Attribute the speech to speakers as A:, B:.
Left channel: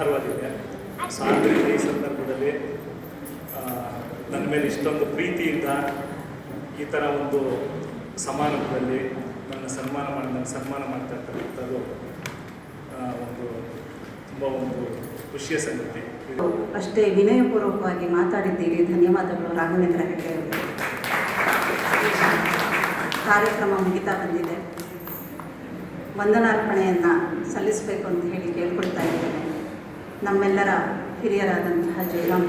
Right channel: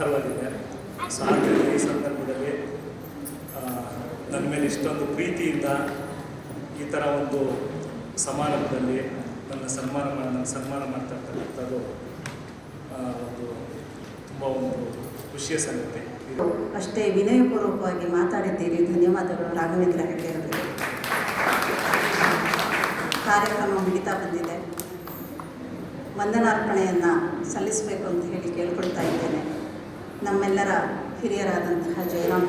A: So ಈ ಸಂದರ್ಭದಲ್ಲಿ ನನ್ನ ಮೇಲೆ ಇಷ್ಟೊಂದು ಪ್ರೀತಿಯಿಂದ ಈ ಥರ ಒಂದು ಸಮಾರಂಭದಲ್ಲಿ ನನ್ನ ಸನ್ಮಾನ ನನ್ನ ಸನ್ಮಾನ ಮಾಡ್ತಾ ಇರ್ತಕ್ಕಂಥದ್ದು ಒಂದು ತುಂಬ ಒಂದು ಖುಷಿಯ ಸಂಗತಿ. ಇದು
B: ಅಷ್ಟೇ ವಿನಯಪೂರ್ವಕವಾಗಿ ಮಾತಾಡಿದ್ದೀರಿ. ಧನ್ಯವಾದಗಳು. ರಾಘವೇಂದ್ರ ಹೆಗಡೆ ಅವರು ಕಾರ್ಯಕ್ರಮ ಮುಗಿತಾ ಬಂದಿದೆ. ವಂದನಾರ್ಪಣೆಯನ್ನು ಸಲ್ಲಿಸಬೇಕು ಅಂತ ಹೇಳಿ ಕೇಳ್ಕೊಳ್ತಾ ಇದ್ದೇನೆ. ನಮ್ಮೆಲ್ಲರ ಹಿರಿಯರಾದಂತಹ ಜಯರಾಮ್